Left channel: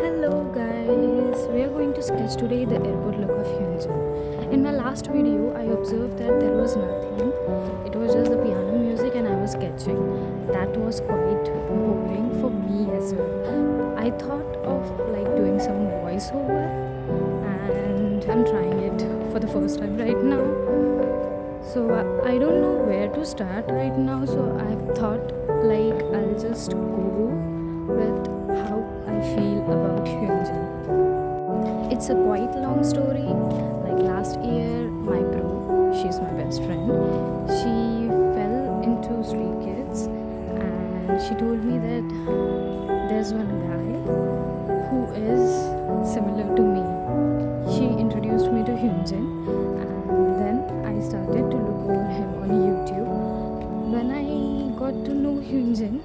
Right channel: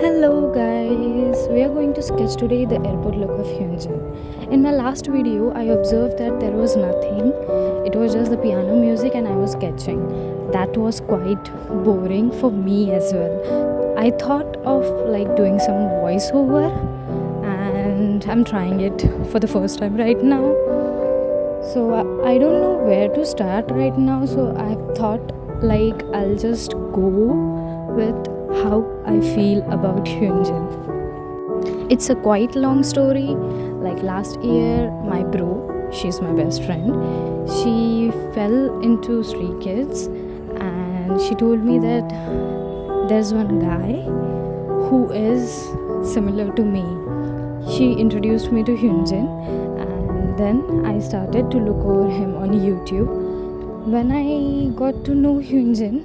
Hello guys, we are going to sketch today the airport look of Hyunjin. In my last video, I observed that there was nothing. It was just the piano music and I was sketching. That was quite boring for me as well. I thought of doing some voiceover and I'm trying it for the first time right now. So I don't know where to start right now, so I thought I'll just go with how I feel about Hyunjin. It's a quite long story. Last year, my bro, she's my best friend, she fell into Stray Kids and she told me that there's one guy who is similar to me. She introduced me to Hyunjin and then I started to look over him on YouTube. When I got to know Hyunjin,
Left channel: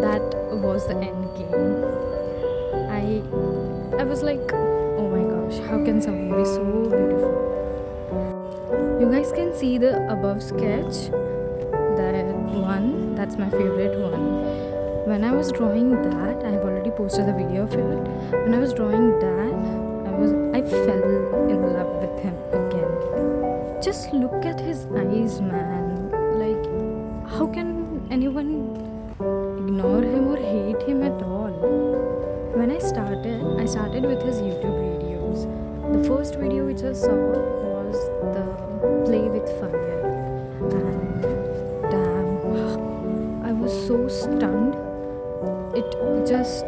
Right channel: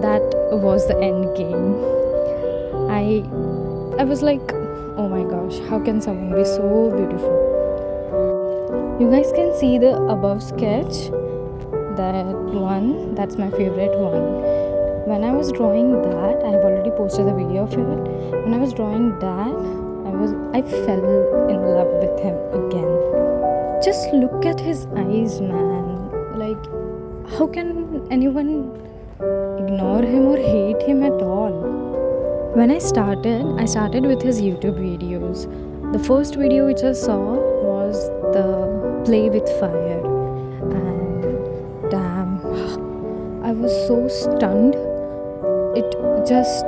that was the end game. I was like, oh my gosh, how can someone be so beautiful? You guys can see the above sketch. That one, that's my favorite one. When I was drawing that, I have already posted the video of it. When I was drawing that, I fell in love with him again. Just look at his eyes, man. How can anyone ignore him or hate him at all? When I started with his YouTube videos. The first video which I saw was the play with fire, and damn, I was so stunned. It just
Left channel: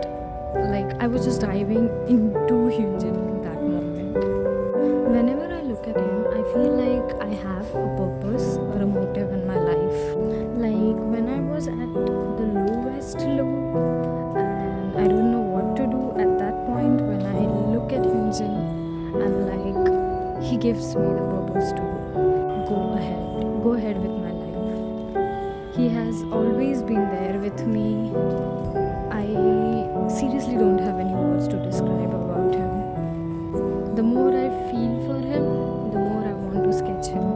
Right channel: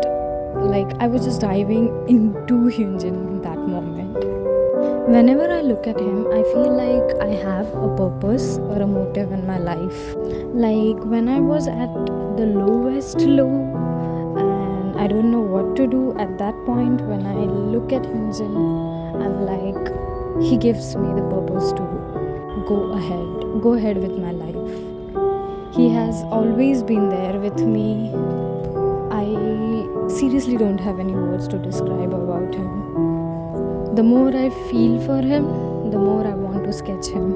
I was just diving into Hyunjin in that moment. Whenever I look at him, I feel like I have a purpose or a motive in my life. When I was at the lowest low and I don't know what to do at that point, when I look at Hyunjin, I'm like, he gives me the purpose to go ahead with my life. He has always been there with me. I seriously don't have any words to describe about him. The more I feel for him, the more I want to sketch him.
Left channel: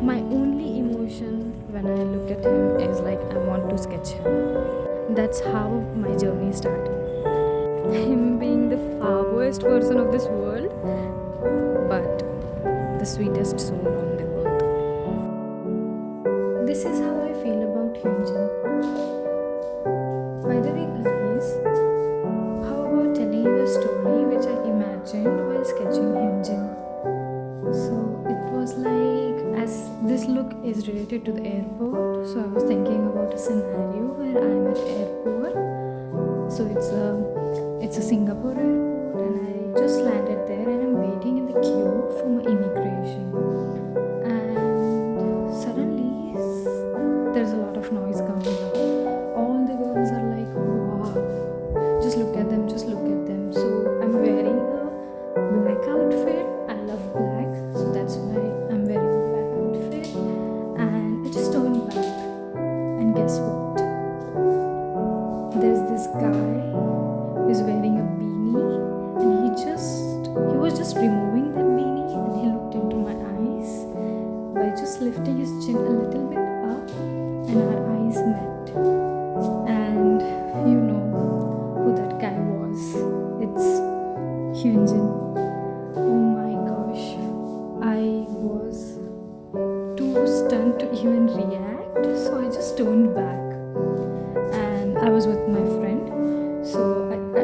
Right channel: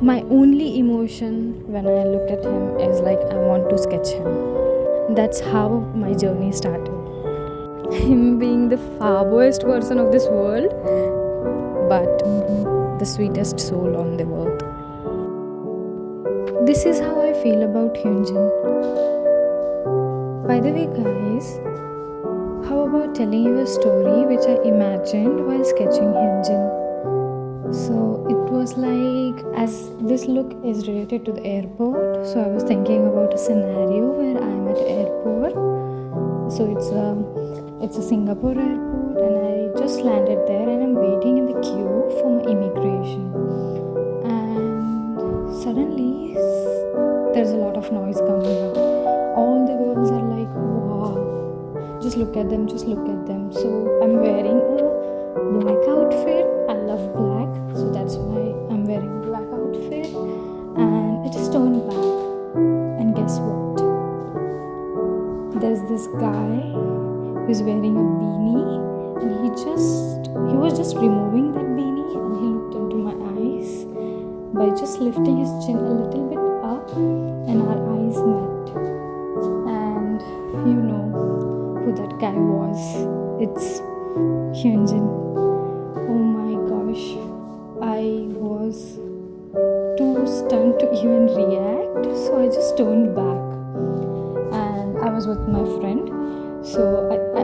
My only emotion when I look at him is I want to sketch him. That's how my journey started. Him being the farthest person of this world, but the sweetest soul on the earth. This is how I feel about Hyunjin. By the way, guys, how about telling you a story which I imagined while sketching Hyunjin? So it was as this look is related to the airport, so I was thinking about a scenario where I'm at airport. So it's a Singapore airport and I just landed there and I'm waiting in the queue for my immigration. And suddenly there's a lot of noise coming up. All the girls are like, wow, just look at them. So I'm wearing a black outfit. I love black, so that's why I'm wearing a black outfit. And I just turned back, and guess what? There's this guy who's wearing a beanie, and he was just removing that beanie, and he looked into my eyes by just lifting his chin a little bit up, and our eyes met. And you know who that guy was. It's Hyunjin. Oh my gosh, I was too stunned to even react, so I just turned back. And I was with my friend, so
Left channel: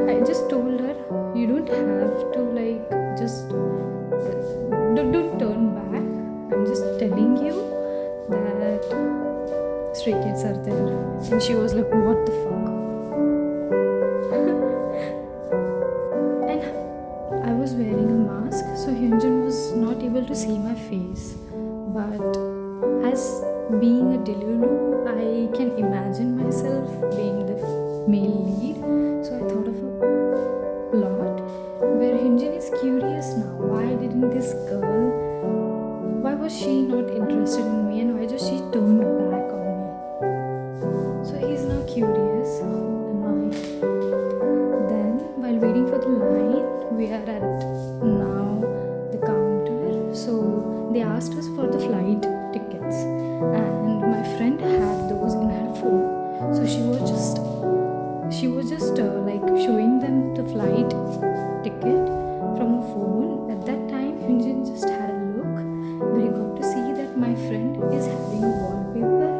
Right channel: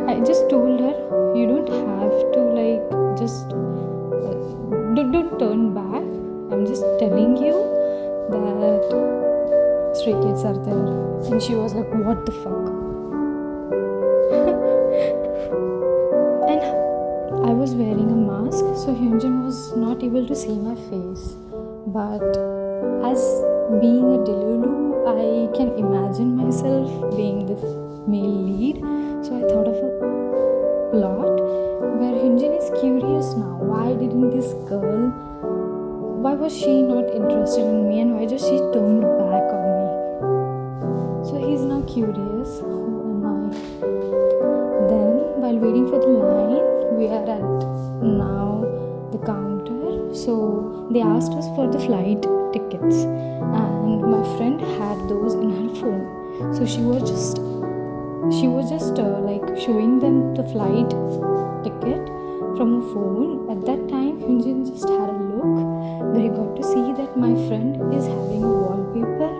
I just told her, you don't have to just don't turn back. I'm just telling you that Stray Kids are there. And she was like, what the fuck? And I was wearing a mask, so Hyunjin was not able to see my face. But as being a Delulu, I can imagine myself being the male lead. So I thought of a plot where Hyunjin is curious now. Why didn't this girl, why was she not interested in me, and why just she turned back on me? So he's now curious, who am I? Then while waiting for the line, we are at now the counter. So they asked us for the flight tickets, and my friend had those in her phone. So she was just she was just like showing them the flight ticket from her phone. At that time, Hyunjin just had a look where he got to see that my friend is having a wallpaper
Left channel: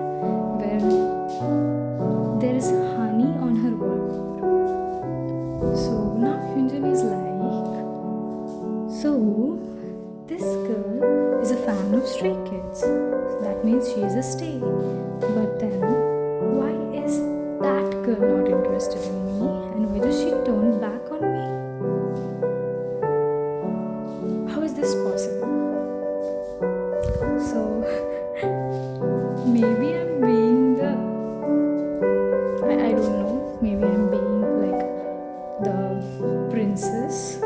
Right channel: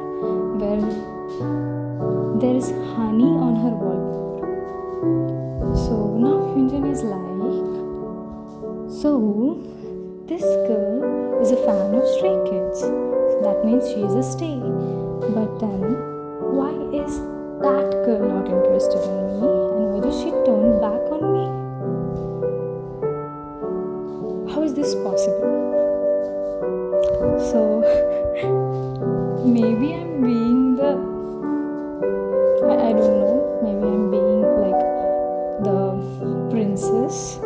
where there is honey on her wallpaper. So now Hyunjin is like, so this girl is a fan of Stray Kids. So that means she is a stay. But then, why is that girl not interested in me? And why does she turn back on me? How is this possible? So, maybe I'm being I don't know, maybe I'm being like the princess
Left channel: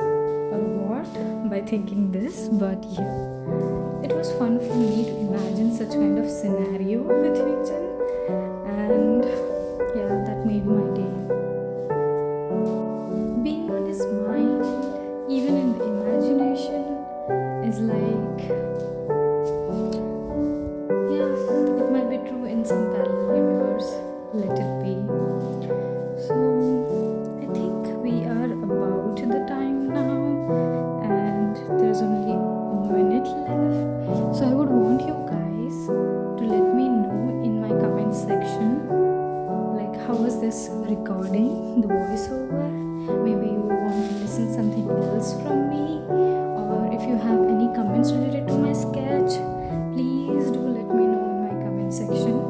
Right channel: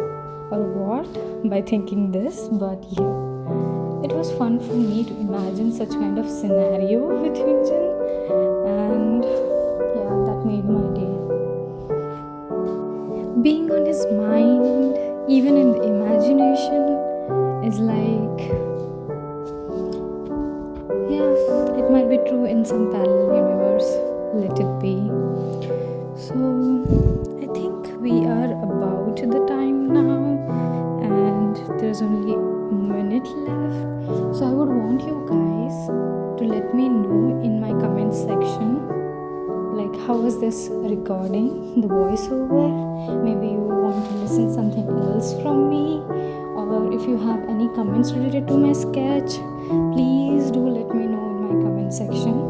or what by thinking this, but yeah, it was fun for me to imagine such kind of scenario with Hyunjin, and yeah, that made my day. Being on his mind, even in the imagination, is like, yeah, it might be true in some parallel universe, let it be. So I think we are about the time now, and there's only a minute left. So I would want you guys to let me know in my comment section, like, how was this recording, the voiceover? Maybe you want to listen something else from me, or if you have any comments related to my sketch, please do let me know in my comment section.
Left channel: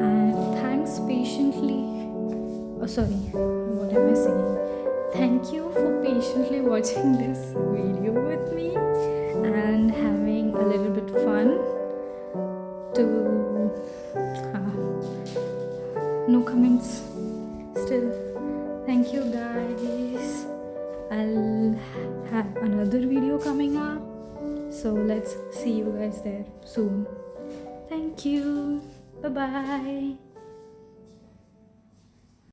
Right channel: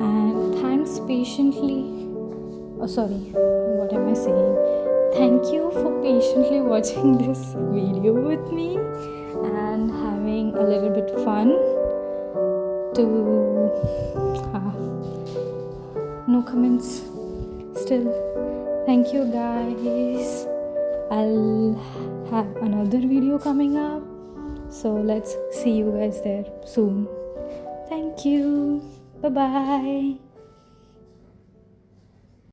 And thanks patiently. Oh, sorry, what am I saying? Thank you for patiently watching this video with me and having a little bit fun to no comments still. Thank you guys. I'll have another video coming up, so let's see you guys there soon. Thank you. Bye bye.